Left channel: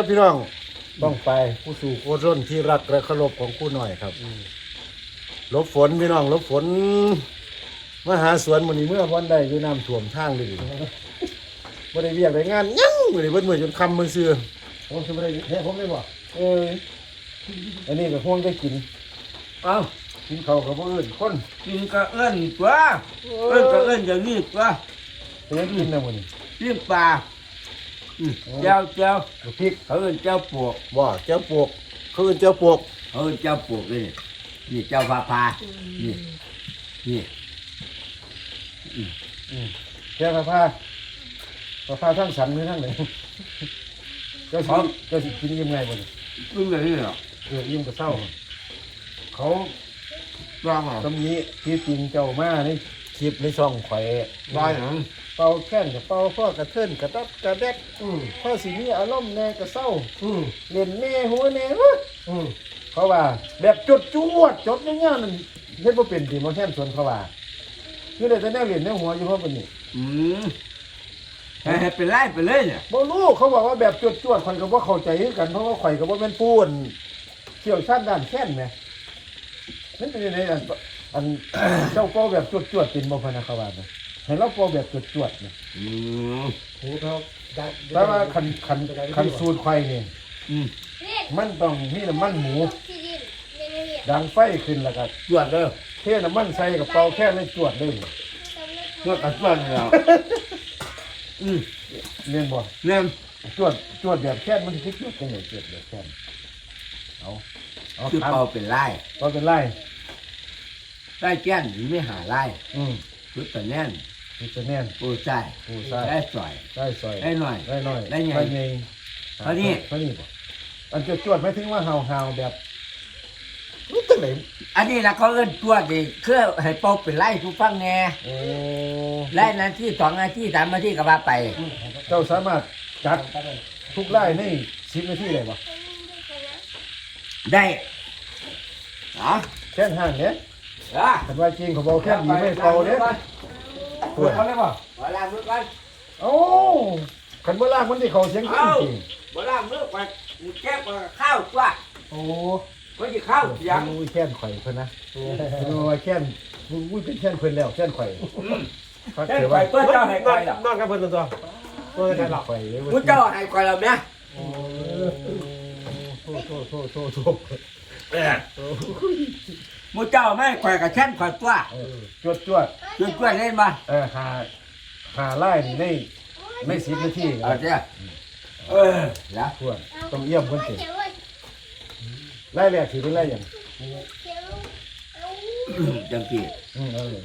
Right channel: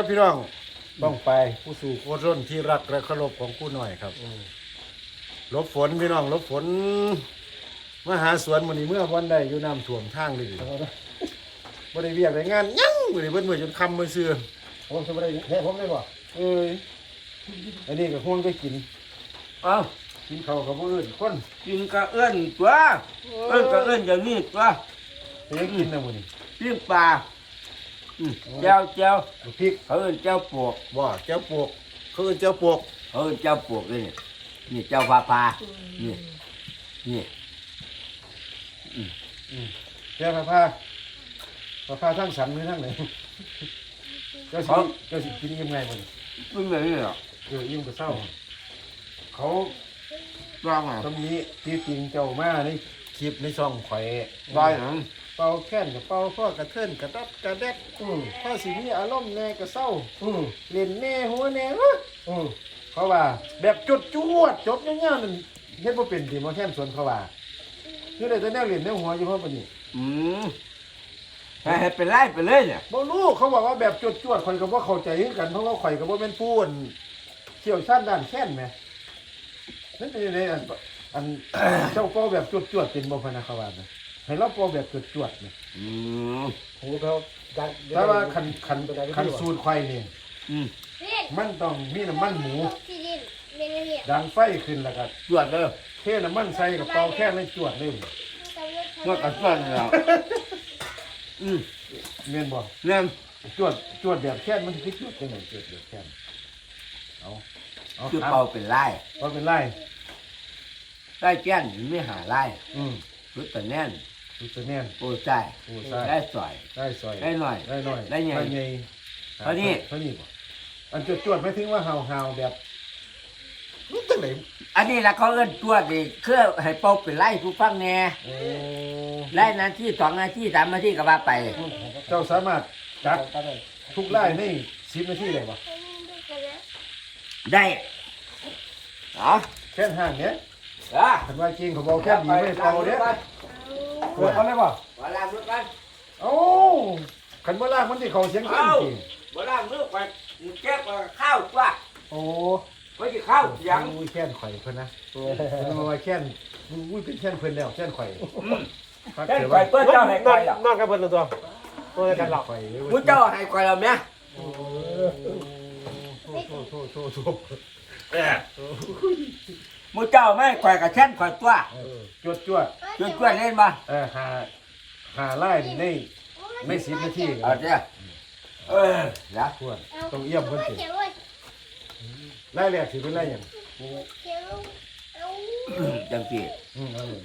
วัสดีครับพี่น้องบ้องไปผู้สู่โคตรร่นที่รักและเคารพของผู้หน่อยครับหลบฝนพี่น้องหลบฝนมาหาสวนมันนี้เมื่อวันใดอยู่น้ำท่วมทางเลยบ่ได้เวียกได้งานหยังบ่ได้เบิดมื้อจนค่ำมื้อซื่อผมจะไม่ได้เฮ้ผมได้บ่เอ้ยอันนี้ก็ห่วงได้กินอ้าวกินข้าวกับบ่อื่นคนกินกระเอื้อนตัวเอื้อนกระเอื้อนอย่างนี้ตัวไปยังกินนะมื้อนี้ปิ้งปลาอืม เจ้าเจ้าลูกพริกเขาเอื้อนเจ้าปวกบ่แก้วปวกเขาเอิ้นแก้วปวกเขาเอื้อนเจ้าปวกเลยนี่นี่เจ้าพาพานี่นี่อืมแก้วผ้าผ้าผ้าผ้าทั้งสันหรือทั้งไหนเจ้าสิเจ้าสิกินยังไงบ่นี่ปิ้งแบบนี้เหรอเออยิ้มกับเศร้า เขาร้องเหรอตำหนี้ที่จริงเจ้ามาในคลิปในช่องข่อยร้อยหนัง เป่าแค้นกับเป่าพ่อกระเทินกระดับกระแดดอืมพ่อสิมีอารมณ์แน่กระเศร้าอืมเล่นแน่หัวแน่วะอืมเขาว่า แบบจดจวดจดเงี้ยๆนั่นเฮ็ดบ่เป็นดีมาแค้นสวนเขาว่าคือได้แต่แนวเล่นแนวหัวอยู่เพราะปานนี้อืมให้ให้เป็นไล่ไปเลยเนี่ยบ่รู้เขาบอกว่าแบบจดจวดข่อยก็บ่เข้าใจคือกันเพราะว่าข่อยก็บ่แม่นผู้อั่นเชี่ยวชาญด้านแค้นแหมนั่นเป็นยังไงอันอัน เจ้าเป่าแบบจวดจวดๆเป็นบ่พะนะเขาว่านะ ให้เราเป่าแบบจวดจวดๆนะอืมโอ้เท่าแต่ว่าคันคันคันสูตรไข่นี่อืมมันต้องมีน้ำมันหมู ดังไฟขึ้นแล้วก็จวดเลยเทน้ำมันใส่กับเป่าแค่นั้นจวดเลยจวดกับจวดเลยเหรออืมเรียนบ่เนี่ยจวดจวดแบบแค่นมันสิจวดจังไดจวดแบบแค่นเอาเอาคือถามเป่าเป็นไล่ว่าเป็นไรไล่แก้นหรือไม่หาไล่อืมชุดแต่แน่นคื อจะแน่นปูใส่ปูใส่ได้สอย ได้ซอยได้หน่อยได้หน่อยได้ไงได้ไงเท่านี้ เท่านี้บ่อันจวดจวดๆไม่ถึงว่าเฮาเฮาแบบรู้จังไหนอันนี้ละเขาเอิ้นตัวดิคือให้เป่าเป็นไล่ผู้ฟังแน่โอ้ไล่นาทีสองนาทีสามนาทีก็ว่าไป เจ้าสามารถจัดทุกไล่ในสิบนาทีได้ปะได้อ๋อแค่นห่างเนี้ยอะคันว่าจริงเขาบอกแค่นดีไม่เป่าเนี้ ยเปิดเขาเลยป่ะมาล้างมือกันโอ้คันบ่ล่างมันที่เขาเสียงจริงจริงมาล้างมือกันแก้กับข้าวตัวโอ้ไม่ใช่ข้าวยังอุ้ยแค่นข่อยเพิ่นนะเพิ่นว่าแค่นอุ้ยเป็นแค่นเพิ่นแล้วแค่นข่อยฟักแก้เสียไปว่าเปิดเจ้าให้ก่อนอะนั่งกันเพิ่นตัวเปิดได้หรอข่อยเว้ยกูเจ้าให้ก่อนแล้วเนี่ยโอ้โทษโทษโทษโทษโทษ มูเจ้าไม่ข่อยกับฉันข่อยตัวเออจวดจวดช่วยช่วยเล่นมาเออหาหาไล่นี่ในในสิบนาทีเอาเจ้าเออแล้วทวนต้องเยี่ยมเพิ่นสิไล่แรกถือเป็นไล่หยังจังจีอืมเอาเลย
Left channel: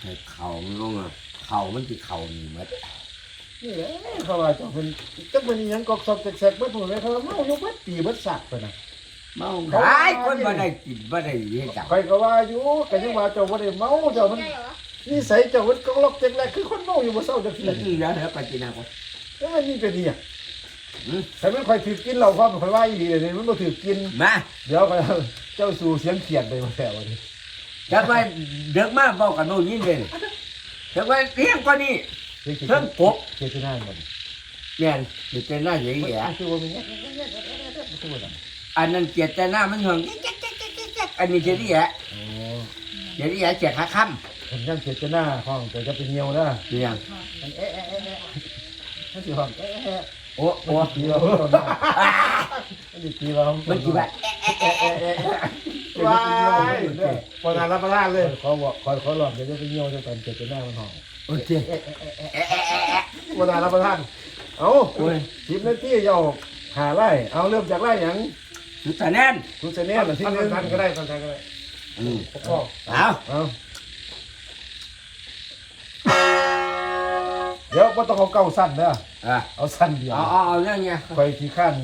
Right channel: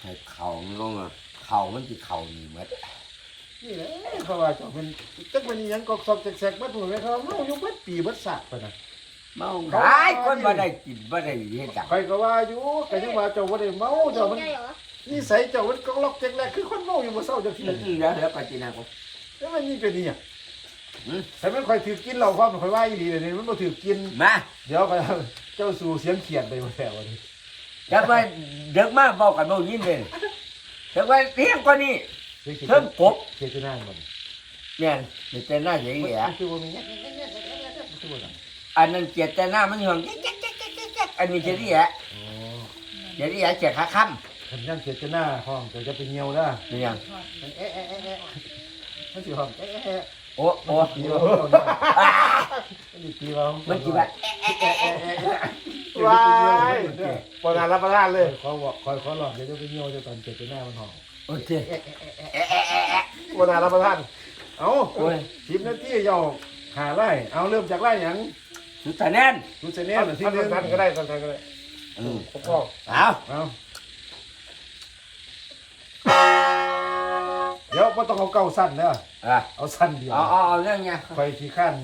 ให้เข่ามันลงอะเข่ามันจะเข่านี่หมัดนี่แหละเขาว่าเจะเป็นจักเป็นอิหยังกอกซอกแซกๆเบิดพุ่นเลยเขาว่าเมาอยู่เบิดปีเบิดสักไปนะ เมาได้คนบ่ได้กินบ่ได้เฮ็ดจังใครก็ว่าอยู่ก็ยังว่าเจ้าบ่ได้เมาเจ้ามันนิสัยเจ้ามันกอกลอกแจกแรกคือคนเมาอยู่บ่เศร้าจักทีนี่แล้วแล้วก็กินนะคนแล้วมันนี่เป็นอีหยังอืมแต่มันค่อยถือกินเหล้าความค่อยว่าอีหลีเลยนี่มันบ่ถือกินมาเดี๋ยวก็เจ้าสู่เสียงเขียดไปบ่แล้ววันนี้จะไปเด็กมาบอกกันโน่นยินเลยแต่ว่าเพียงกว่านี้เสียงเขียดเพิ่มกบเขียดที่นั่นบ่นี่แม่นเจตนาอย่างนี้มันอะคือว่ามันมันคื อว่าจังอันนั้นเจตนามันห่วงอันนี้เจริยะอ๋อเจริยะเจ็ดขาค่ผมยังเขียดจะหน้าห้องเจ้าจะไปเหี่ยวนะำเนี่ยเอ๊ะเอ๊ะเอ๊ะเอ๊ะมันสิห้องเอ๊ะเอ๊ะเอ๊ะโอ้โอ้มันสิตีเราเราหน่อยอ่ามันสิตีเรามันกี่บาทเอ๊ะเอ๊ะเอ๊ะเอ๊ะเดี๋ยวจะไปเหี่ยวไม่ได้เด้อโบราณรับประทานเลยขอบอกขอขอหลอดเดี๋ยวจะไปเหี่ยวจะตอนเขียดจะหน้ามันห้องโอเคโบราณรับประทานเอาโอ้ยสิบนาทียาวหาไร่เอาเริ่มจากไร่หยัง สุดท้ายแน่นดูเสน่ห์หน่อยทีทำนึงทำก็ได้ตอนทำก็ได้อืมก็เอาเอาเดี๋ยวไม่ต้องเอาเก้าสั้นเด้ออะเอาสั้นเดียวเอาเอาเอาเรื่องเนี้ยคอยที่ขั้น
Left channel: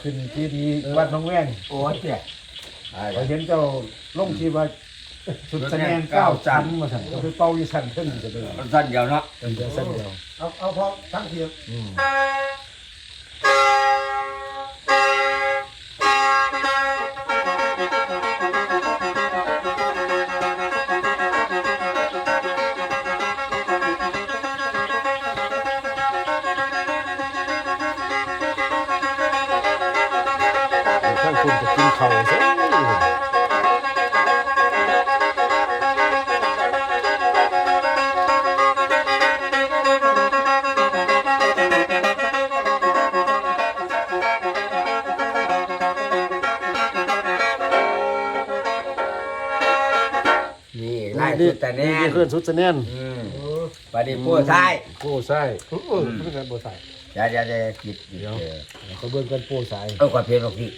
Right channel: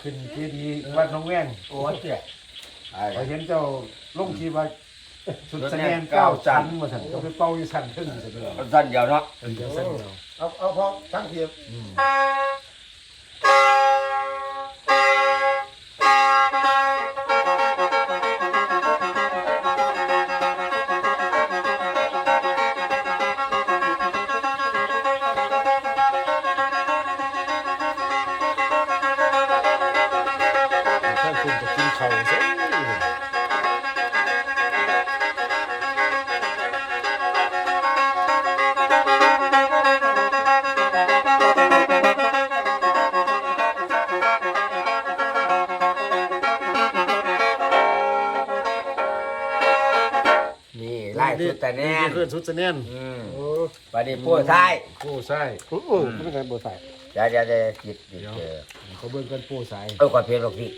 ขึ้นที่ดีวัดหน้องแว่งโอ้ยเจ๊คอยเห็นเจ้าลงที่ว่าสุดแสดงเก้าชั้นมาสั่นก็ไปเป่าอยู่ชั้นขึ้นจะได้สั้นเดียวเนาะเป็นเดียวสั้นเดียวเอาเอาพอช่างเทียมอืม นี่ไล่สุดแต่แน่นขึ้นสุดจะแน่นอืมโอ้ปลาดิบโป้ท้าย ผู้ใส่ โอ้ยไม่ใช่บ่ใส่ เดี๋ยวเดี๋ยวเดี๋ยวหยิบหยิบเดี๋ยว เออ เขาเบิ่งกันปูใส่เออก่อนเพียรบอกพี่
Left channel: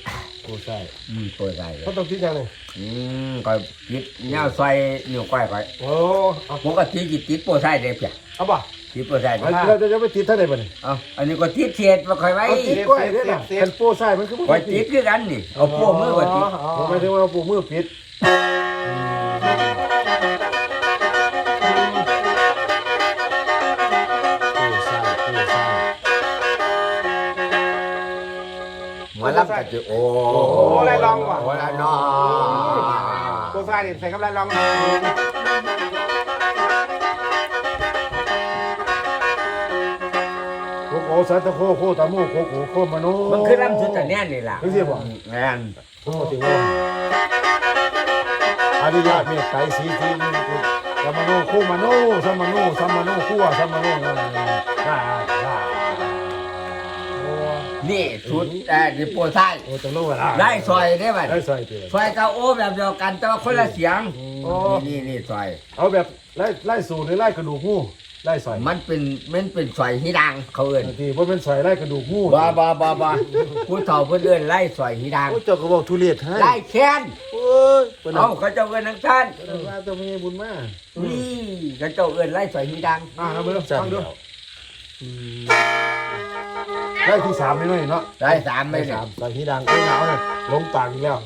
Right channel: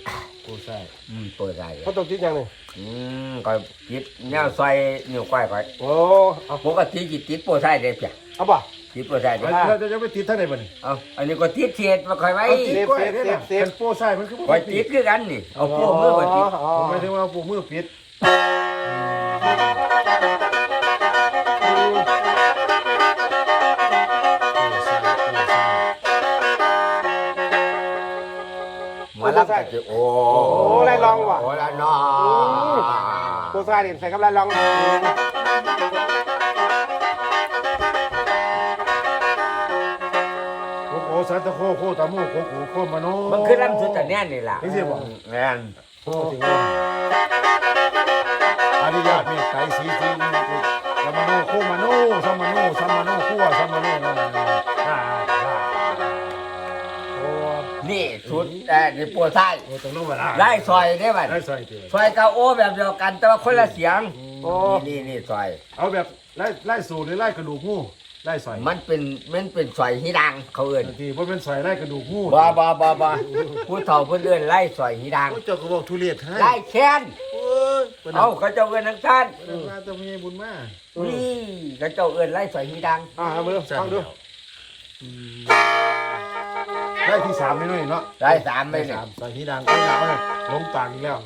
ปูใส่อืมผู้ชายเขาต้องคิดยังไงอืมก่อนคิดแนวใส่นิ้วก้อยก่อยโอ้เอาปกติจิตติดผู้ชายได้เพียเอาป่ะติดผู้ชายได้เราจะไปติดท่าไหนบ่นี่เอาอันนี้ก็ติดเทียดมาคอยไว้เอาติดก้อยได้ล่ะคันปูใส่มันคือบ่คอยติดคือกันนี่เอาพวกมือก็ติดผมหมายถึงว่าปูมือปิด มาลับกันจะโอ้โอ้ละน้อเบอร์ใส่นี่ใส่กำลังลองโคโคสัตโคโคตะมูโคโคโคมโนมันคือลำสุดแต่แน่นี่ล่ะจังซี่บ่แม่นผมบอกถึงว่าอริยะเมตไตรสีทีสัมมโนโคมโนสัมมโนสัมมโนคู่สัมมโนนั่นน่ะได้ได้ นี่สุดแต่นี่ผู้ชายโอ้ตรงโน้นว่าไล่ซอยได้บัดได้ใส่ตีซอยกับโอ้แบบเดียวกันแต่ว่าคนละเสียงนี่นี่ซอย เอาแบบไล่ไล่สูตรหรือไล่กระดูกงูไล่ใส่มันเป็นมันเป็นซอยที่ดังเขาเอิ้นทีเพราะเป็นใส่ไล่กระดูกงูบ่บ่บ่บ่ผู้เฒ่าเพิ่นเอิ้นไล่ซอยที่ดังโอ้เจ้าก็บอกทุเรียนให้ไล่แค้นโอ้ยเป็นเอ้าเขาเจ้าเอิ้นทั้งท่านเป็นว่าต้องมีบุญมากนี่เขาเจ้าเอิ้นไล่ซอยที่ดังอ่าเอาเบอร์จัสั่งงเดีดูยว ไล่ที่สามไม่น้อยเนาะไล่สามไม่ไล่สาสามมใส่ที่ดังก็หนาวน่ะลงปากอีกแล้ว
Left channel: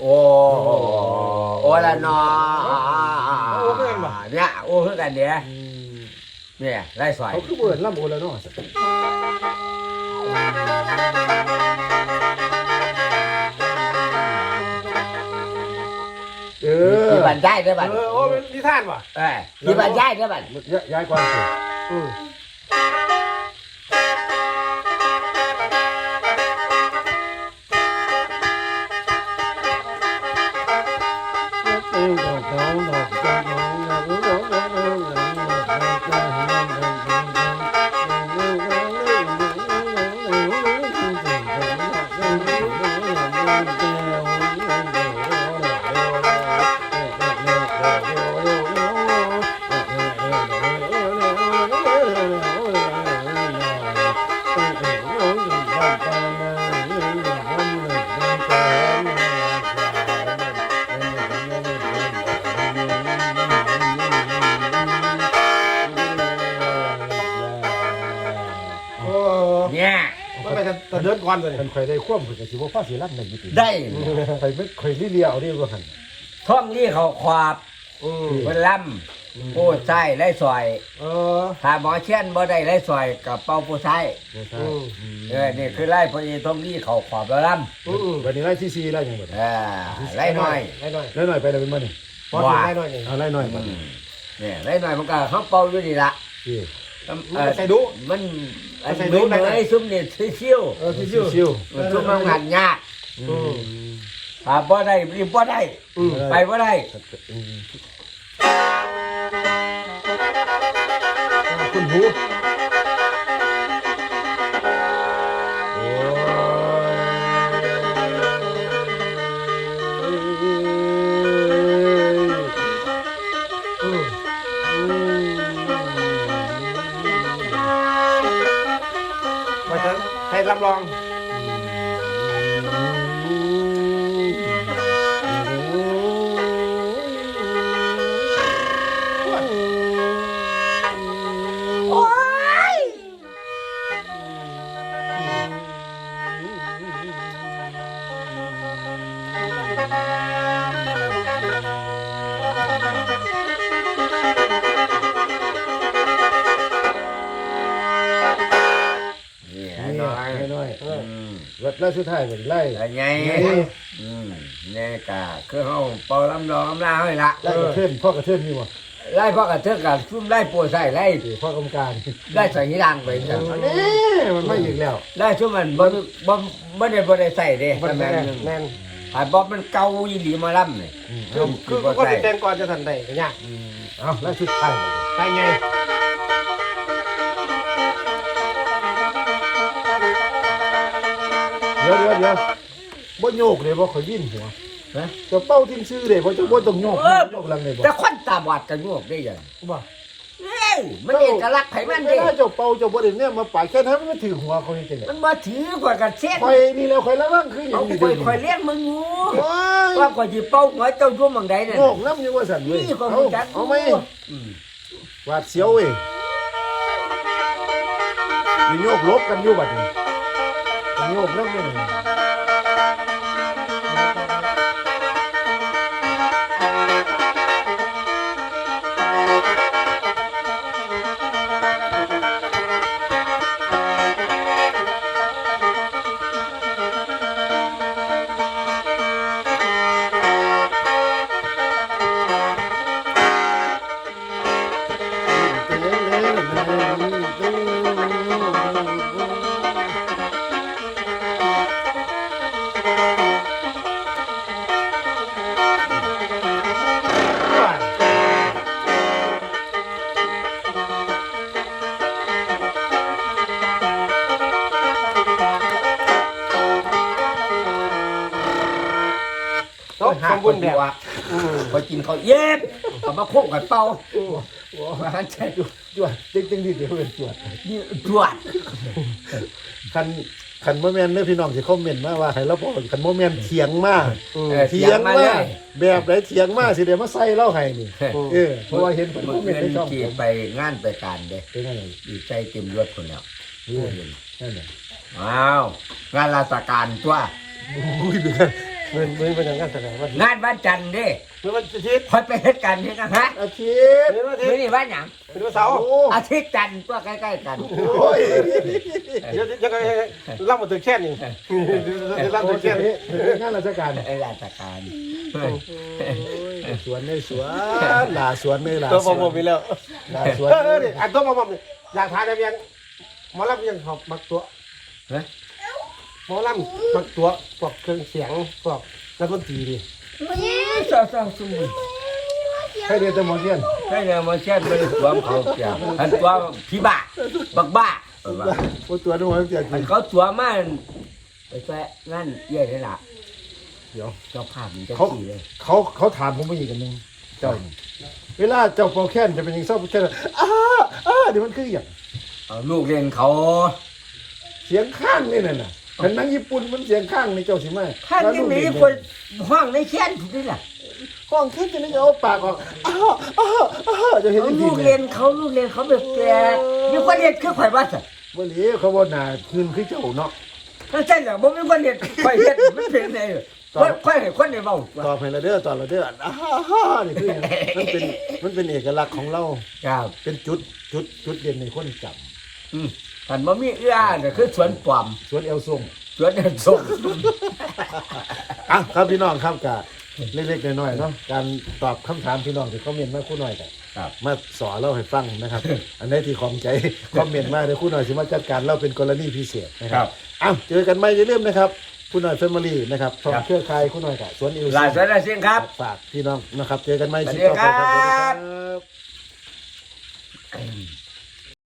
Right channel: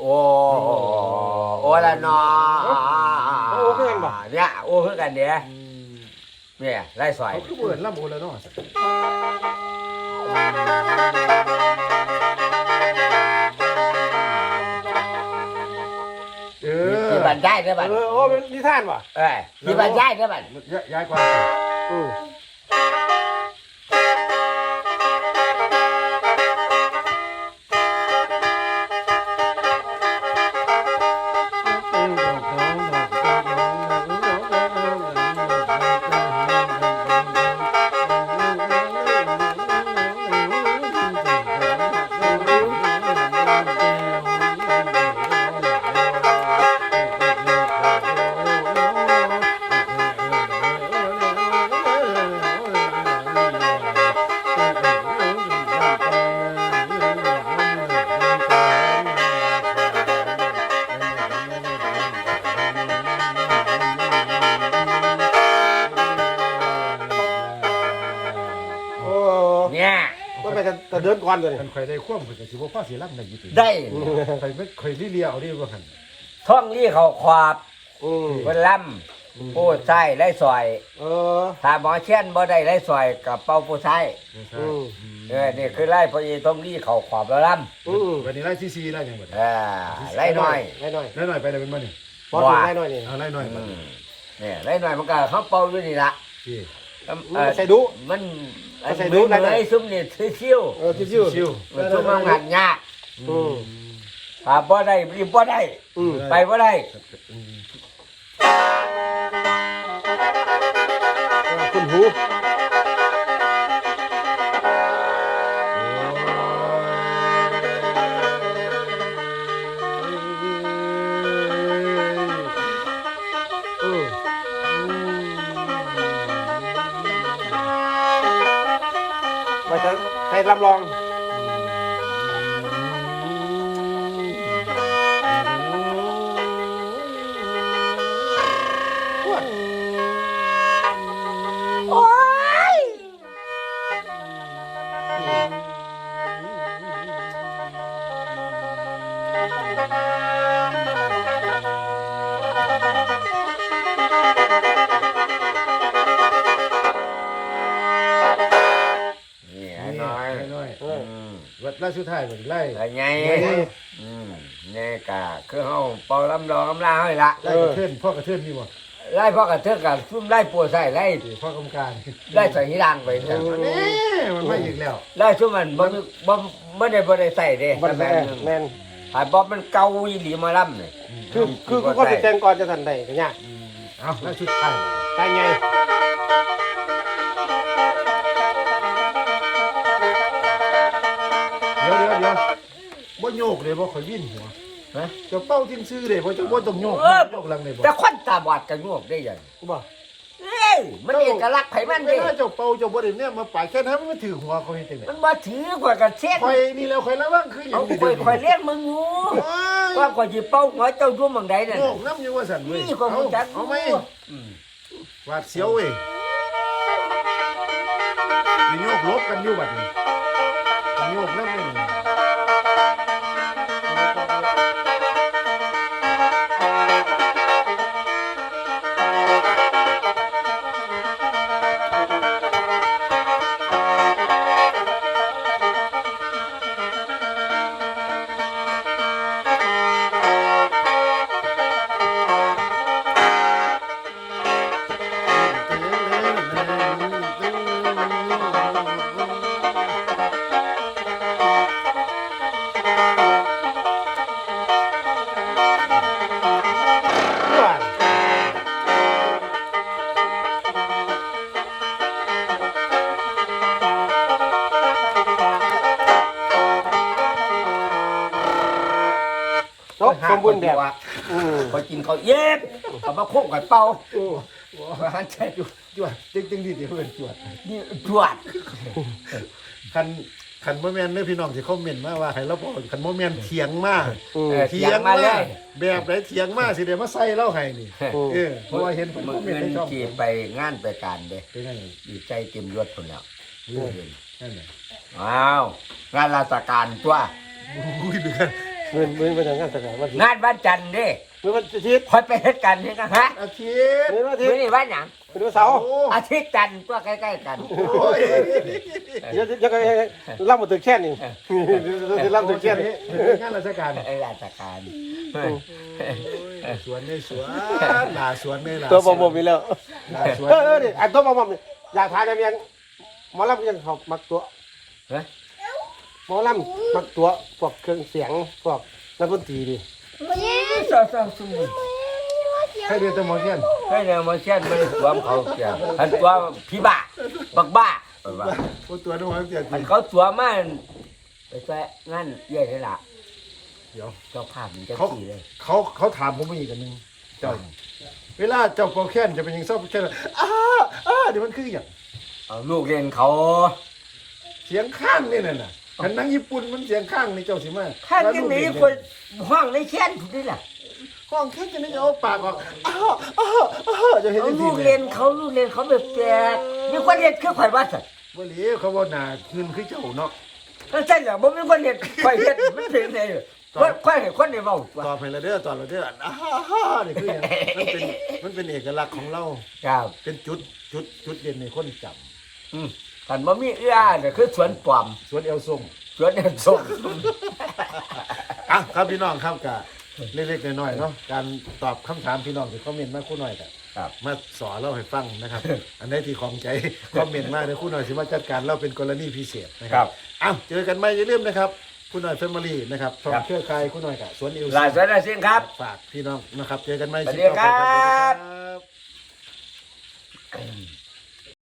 โอ้โอ้ละนอเนี่ยโอ้คือกันเนี่ยเนี่ยไล่ซอยเขาคือเบิดล่ำโอแล้วเนาะ ออที่บ้านย้ายได้บ้านเออโอ้เป็นนิทานป่ะเออที่บ้านย้ายได้บ้านย้ายก่อนสิอืมโอ้ เดินก่อนเลยคันข่อยได้ควบข่อยก็สิบ่พอสิรับได้อยู่ติได้ ข่อยไม่ข่อยเลียเอาดิว่าหั่นท่องนี่เขาขวาบอืมเพิ่นล่ำผู้ใส่ไล่ซอย เออ ถ้าหมอเช่นบ่ได้ไล่ซอยกับเป่าผู้ใส่บ่ใช่เออนี่คือไล่พออีท่องนี่เขาขวาบแล้วล่อืมวันนี้ไล่ที่4ไล่จังบ่ำเออไล่น้อยไล่หน่อยไล่หน่อยไปได้เป็นบ่นี่ว่าไล่หน่อยนี่เอาไล่หน่อยอืบัดมเนี่ยไล่น้อยมันก็เขาเป่าอยู่นี่ละพี่เอ่อ ใส่ดุมันอันเหมือนเหมือนไอ้ซุ่มนี่ชิวเออที่ชื่อชิวๆมันซุ่มมันงานยากอืมถ้าบ่ได้รีบบ่ได้อืมไปบ่ได้อืมขึ้นหู ไล่สุดท้ายบ่ไล่แล้วไงนี่อืมนี่กะคือเฮาเป่าลำรองลำลาให้ละไล่กระเทือนพ่อกระเทือนมีบ่ไล่พ่อกระเทือกกับซุ่มไล่ปวดใส่ไล่ที่พ่อกรรมการไล่ใส่หิรังไปเนี่ยอันนี้มันไม่อีกแล้วไล่ซุ่มมันบ่บ่บ่ได้บ่ได้ใส่เด้มันแม่แม่นนแม่นหายบ่มันเก่าอีหลีมาล่ำนี่คือคือบ่ก็ใส่จะเต้นก่อนจะทันได้ก็ยากเอาไล่สุดท้ายบัดนี้ใช่ไง ดี๋ยวเดี๋ยวเดี๋ยวบ่โยกเลยบ่ข่อยวิ่นหัวฮะเจะเป้าทิ้งซื้อเลยบ่จะบ่ต้องโยกเออโยกหลังเลยบ่แต่คนตาบอดจะงวกได้ยังบ่เฮ้ยมันเอกลักษณ์ไผมันเวเด้ลาเจ้าเป่าเจ้าบ่ได้เนี่ยมาปาดแค่นั้นมันถือหัวเขาเฮ็ดจังได๋มันมาถือกว่ากันเช่นข่อยนี่แล้วข่อยระวังคือหยัเอางนี่คเด้อยอคอยเลี้ยงมึงอยู่โอ้ยว่าก่อนจะเป้าหัวเจ้ายุ่มังใดนั่นโยกน้ำอยู่ว่าสั่นเว้ยนี่คนเอารู้จักเอาไหมอืมหวาดเสียวเว้ยมีโยกลบกันอยู่บัดนี้ มีโยก น้ำเลยนี่โต๊ะหาสมคบูรนณ์ดีแบบว่าคอยกินเขาวเย็บเอามาโค้งกับเป่ามาหันใจ จวดจริงจริงๆดิเดี๋ยวเป็นจวดนี่จวดคันคันโมเมนต์เนี่ยพี่น้องสิคอมเมนต์มาว่าให้เราบอกคันโมเมนต์เถียงมาเออเถียงมามาเลยแบบไหนเถียงมาสิเดี๋ยวมาใส่เล่าให้นี่เออเออเพราะว่าเห็นคนคมึองมเมนต์ในช่องขี่ผมไปงานไปการเด้เป็นไงดีใจเต็มยศคนแล้วเออนั่นแหละอ้าวงานราชการตัวอุ้ยเป็นไงเงินมือไปทางงานแสดงว่างานวันจันทร์เด้ เมื่อวันอาทิตย์คอยไปเฮ็ดกันเฮ็ดกันฮะอาทิตย์เมื่อวันอาทิมื้ตอย์นี้วันหยังเป็นวันเสาร์โอ้อาทิตย์จันทร์ตัวใกล้ๆกันโอ้ยเดี๋ยวจะรับมาถึงแค่นี้รับโอ้ถึยงแค่นี้เป็นงานราชการเออราชการโอ้ยสวนในสวนหลาสวนในหลาตัวสบอวมนบอมมีแล้วหลาสเอวนอเนี่ยอันตัวบอมบอมอยากทานอะไรยังหมอลำยังเขามักตัวฮะหมอลำมักตัวพวกเครื่องเสียงพวกนักดนตรีดิ ซอซอซุมใครเรียนแตหมอเทียนให้เนี่ยมาเช็ดไปสวมเขาเสียอันตัวพี่บ้าบักบ้าเออว่าโอ้ตัวนึกว่าเทียนอันเขาตัวมาไปแค่งานเยี่ยนี่ล่ะเดี๋ยว เจ้าภาพมันจะเขาขี่เลยเขาเขาถามผมมาอีกอันหนึงเจ้านี่เวลาเจ้าโปรแคนจะเป็นอยังเศร้าโปรแคนอ้าอ้าเดี๋ยวมันคืออย่างเอาลูกเรียนเขา เสียงข้างนี่น่ะน่ะ คันหนังญี่ปุ่นมันเสียงข้างนี่เจ้าสิมาท่านแล้วที่ลูกมีเด็กคนห้องในแค้นถูกนี่ล่ะห้องแค่จะนี่จะเอาปากออกอ้าอ้าอ้าจะเห็นเอายังลูทีกเนี่เรียยนเขาลูกเรียนเขาแบบแปลกมีคนเรียนคือข่อยว่าสัตว์บ่เหลีเขาว่าหน้าคืนคือเจ้าเนาะถ้าใช่เหรอบ่มีคนเรียนข่อยเรียนไม่เป็นไงคนข่อยให้คนเรียนเบาตอบให้ละเด้อตอบละเด้ออ้าฮ่านี่คืออย่างมันเป็นมันเป็นเอกลักษณ์ของเราครับเป็นจุดจุดจุดเด่นในคนจอื มกันบ่มีเอื้อเนี่ยคือสวนปลอมำสวนเอลทรงสวนเอ็นส่งอะครับพี่น้องครับกะเล็กๆน้อยๆเนาะการตอบคำถามพี่น้องที่คอมเมนต์มาคู่หน่อยกะครับ มาสอนเราให้ฟังนะครับ อันไหนี้ที่ของใจคอมเมนต์มาเดี๋ยวคู่หน่อยสิมาจัดการเราเป็นกรณีพิเศษนะคครัรับบอะเจอกันใหม่อย่าลืมนะครับคู่หน่อยแฟมิลี่นะครับช่องครับเครือข่ายคู่หน่อยกะสวนเอลหลายสวนอาเซียนครับ ฝากพี่น้องนะครับ เจอกันใหม่สวัสคลิปดีต่อไปครับครับสวัสดีครับ